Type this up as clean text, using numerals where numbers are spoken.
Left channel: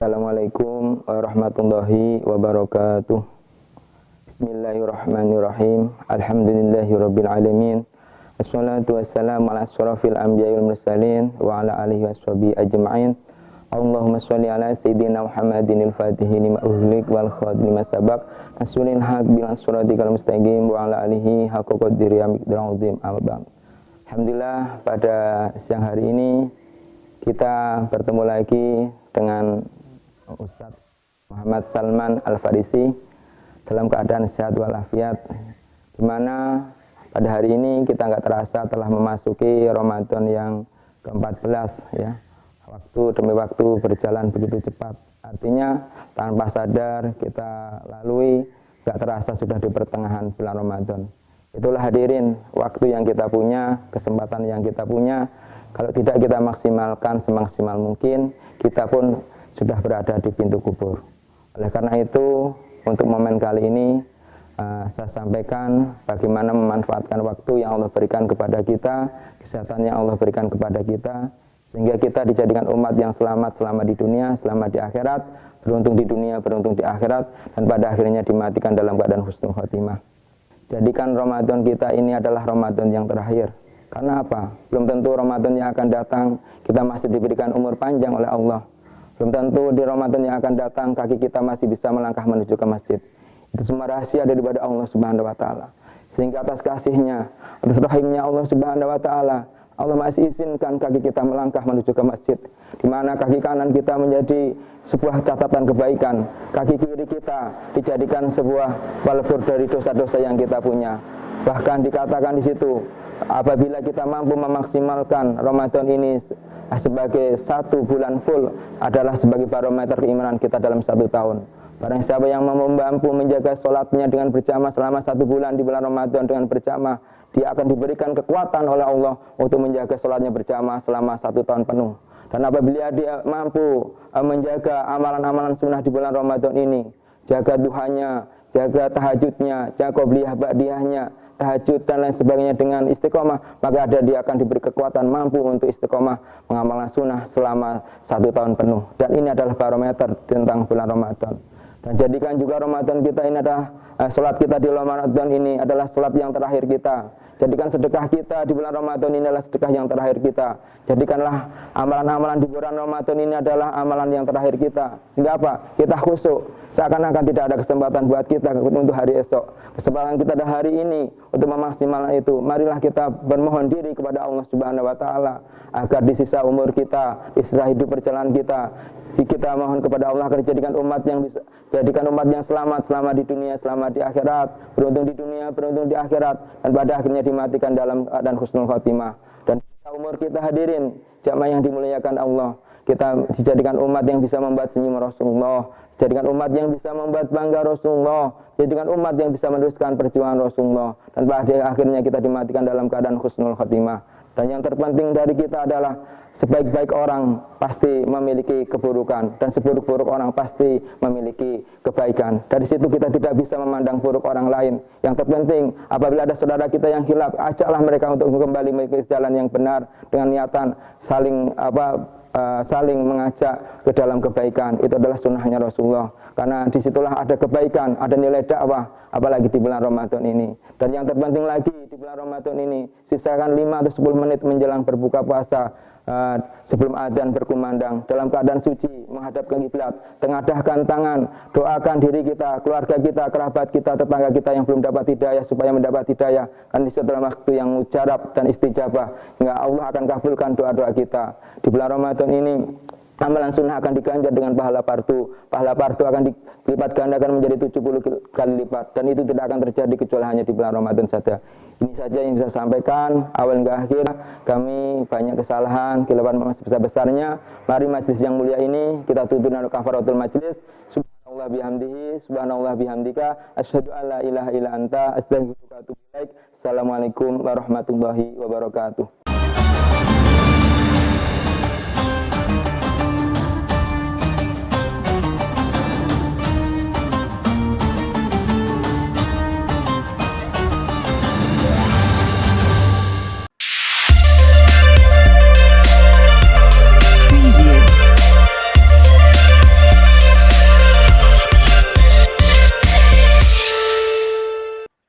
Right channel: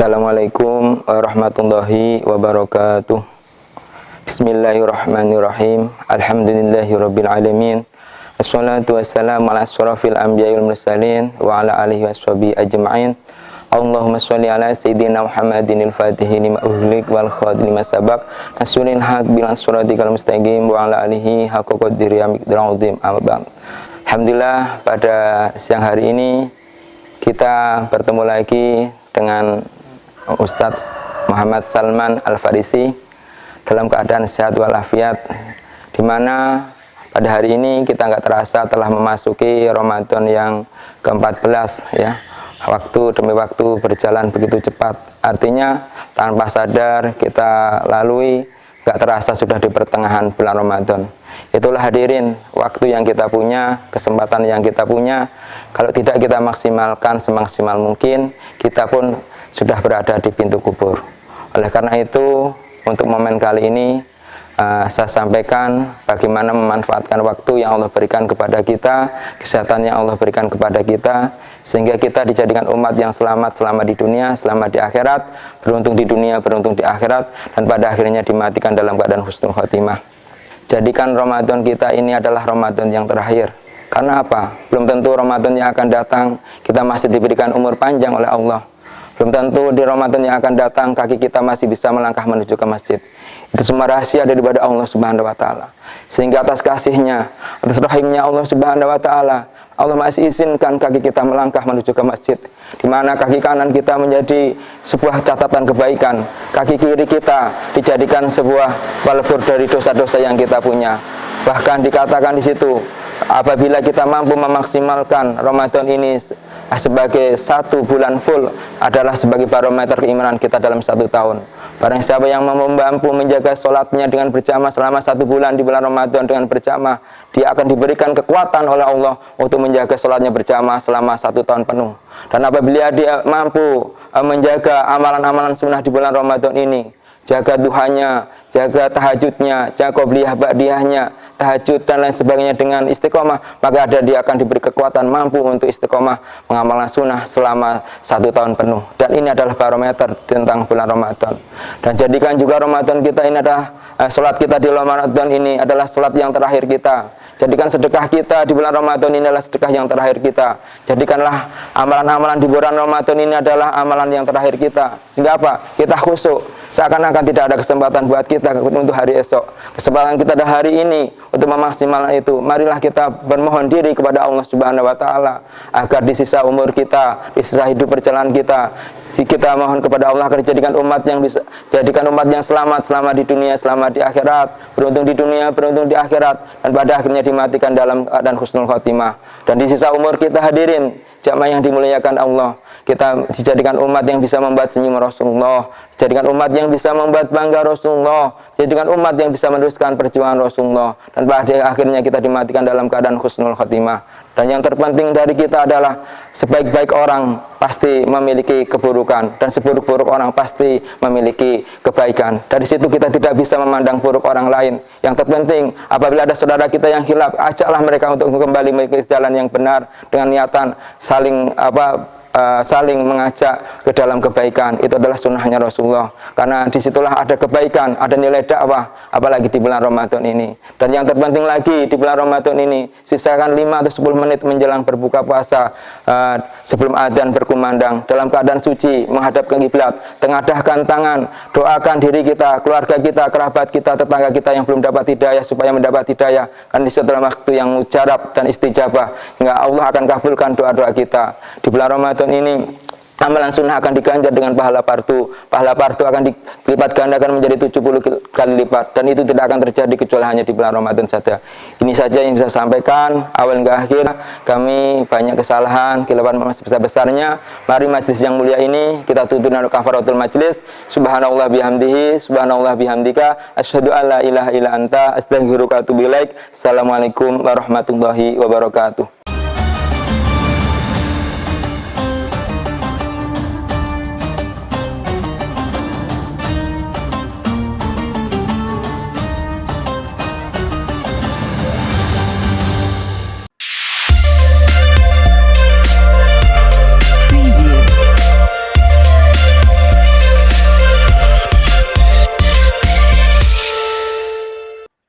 Assalamualaikum warahmatullahi wabarakatuh. Bismillahirrahmanirrahim. Alhamdulillahirabbil alamin. Assalatu wassalamu ala asyrafil anbiya'i wal mursalin wa ala alihi washabihi ajma'in. Allahumma sholli ala sayyidina Muhammadinil fatihi lima ughliq wal khatimi lima sabaq nasrul haq bil siratikal mustaqim wa ala alihi haqqa qadri miqdarul azim. Amma ba'd. Alhamdulillah, pada siang hari ini kita bertemu lagi dengan Ustadz Muhammad Salman Al-Farisi dalam keadaan sehat walafiat, di mana pada hari ini kita nggak terasa telah memasuki Ramadan yang ke-14 ya. Waktu demi waktu berjalan begitu cepat, artinya tanpa sadar kita lalui nggak terasa sudah di pertengahan bulan Ramadan. Itulah hadirin waktu yang kita punya, kesempatan yang kita punya. Kalau tidak kita maksimalkan semaksimal mungkin, kita pun sudah berada di pintu kubur. Oleh karena itu, untuk momen kali ini saya sampaikan bagaimana memanfaatkan waktu yang Allah berikan kepada kita, kesehatan yang Allah berikan kepada kita, sehingga kita dijadikan umat yang selamat selama di dunia, selamat di akhirat, beruntung di dunia, beruntung di akhirat, dan pada akhirnya dimatikan dalam keadaan husnul khotimah. Jadikan Ramadan kita ini adalah Ramadan yang terakhir. Karena apa? Belum tentu Ramadan yang akan datang kita masih diberikan umur panjang oleh Allah. Belum tentu di Ramadan yang akan datang kaki kita masih bisa melangkah menuju ke masjid. Itu semua rahasia daripada Allah Subhanahu wa taala. Sehingga atas kasihnya, atas rahimnya Allah Subhanahu wa taala, Allah masih izinkan kaki kita melangkah menuju ke masjid, di mana kaki kanan kita menjadi sebuah catatan kebaikan, kaki kiri kita dijadikan sebuah pelebur dari dosa-dosa yang kita punya. Bahkan dikatakan di situ, apabila kita mampu memaksimalkan Ramadan ini sebagai satu bulan full, adalah sebagai barometer keimanan kita dalam satu tahun. Barang siapa yang mampu menjaga sholatnya dengan berjamaah selama satu bulan di bulan Ramadan dengan berjamaah, dia akan diberikan kekuatan oleh Allah untuk menjaga sholatnya berjamaah selama satu tahun penuh. Dan apabila dia mampu menjaga amalan-amalan sunnah di bulan Ramadan ini, jaga duhanya, jaga tahajudnya, jaga qobliyah ba'diyahnya, tahajud dan lain sebagainya dengan istiqomah, maka dia akan diberi kekuatan mampu untuk istiqomah mengamalkan sunnah selama satu tahun penuh. Dan ini adalah barometer tentang bulan Ramadan. Dan jadikan juga Ramadan kita ini adalah sholat kita di Ramadan ini adalah sholat yang terakhir kita. Jadikan sedekah kita di bulan Ramadan ini adalah sedekah yang terakhir kita. Jadikanlah amalan-amalan di bulan Ramadan ini adalah amalan yang terakhir kita. Sehingga apa? Kita khusyuk. Seakan-akan tidak ada kesempatan buat kita untuk hari esok. Kesempatan kita ada hari ini untuk memaksimalkan itu. Marilah kita bermohon diri kepada Allah Subhanahu wa taala agar di sisa umur kita, di sisa hidup perjalanan kita mohon kepada Allah agar jadikan umat yang bisa, jadikan umat yang selamat selama di dunia, selamat di akhirat, beruntung di dunia, beruntung di akhirat, dan pada akhirnya dimatikan dalam keadaan husnul khotimah. Dan di sisa umur kita hadirin jamaah yang dimuliakan Allah, kita dijadikan umat yang bisa membuat senyum Rasulullah, jadikan umat yang bisa membuat bangga Rasulullah, jadikan umat yang bisa meneruskan perjuangan Rasulullah, dan pada akhirnya kita dimatikan dalam keadaan husnul khotimah. Dan yang terpenting dari kita adalah sebaik-baik orang pasti memiliki keburukan, dan seburuk-buruk orang pasti memiliki kebaikan. Dari situ kita tidak bisa memandang buruk orang lain. Yang terpenting apabila ada saudara kita yang hilaf, ajaklah mereka untuk kembali ke jalan yang benar dengan niatan saling mengajak ke dalam kebaikan. Itu adalah sunnahnya Rasulullah, karena disitulah ada kebaikan, ada nilai dakwah, apalagi di bulan Ramadan ini. Dan yang terpenting lagi di bulan Ramadan ini, sisakan 5 atau 10 menit menjelang berbuka puasa, sebelum adzan berkumandang, dalam keadaan suci menghadap ke kiblat, tengadahkan tangan, doakan diri kita, keluarga kita, kerabat kita, tetangga kita yang belum dapat hidayah supaya mendapat hidayah. Karena di dalam waktu yang mujarab dan istijabah, hingga Allah akan kabulkan doa-doa kita. Di bulan Ramadan ini amalan sunnah akan diganjar dengan pahala fardu. Pahala fardu akan dilipat gandakan menjadi 70 kali lipat, dan itu tidak akan terjadi kecuali hanya di bulan Ramadan saja. Ini saja yang bisa saya sampaikan awal hingga akhir. Kami banyak kesalahan, kelewatan besar-besarnya. Mari majlis yang mulia ini kita tutup dengan kafaratul majlis. Subhanallah bihamdihi, subhanallah bihamdika, asyhadu an la ilaha illa anta, astaghfiruka wa atubu ilaik. Assalamualaikum warahmatullahi wabarakatuh.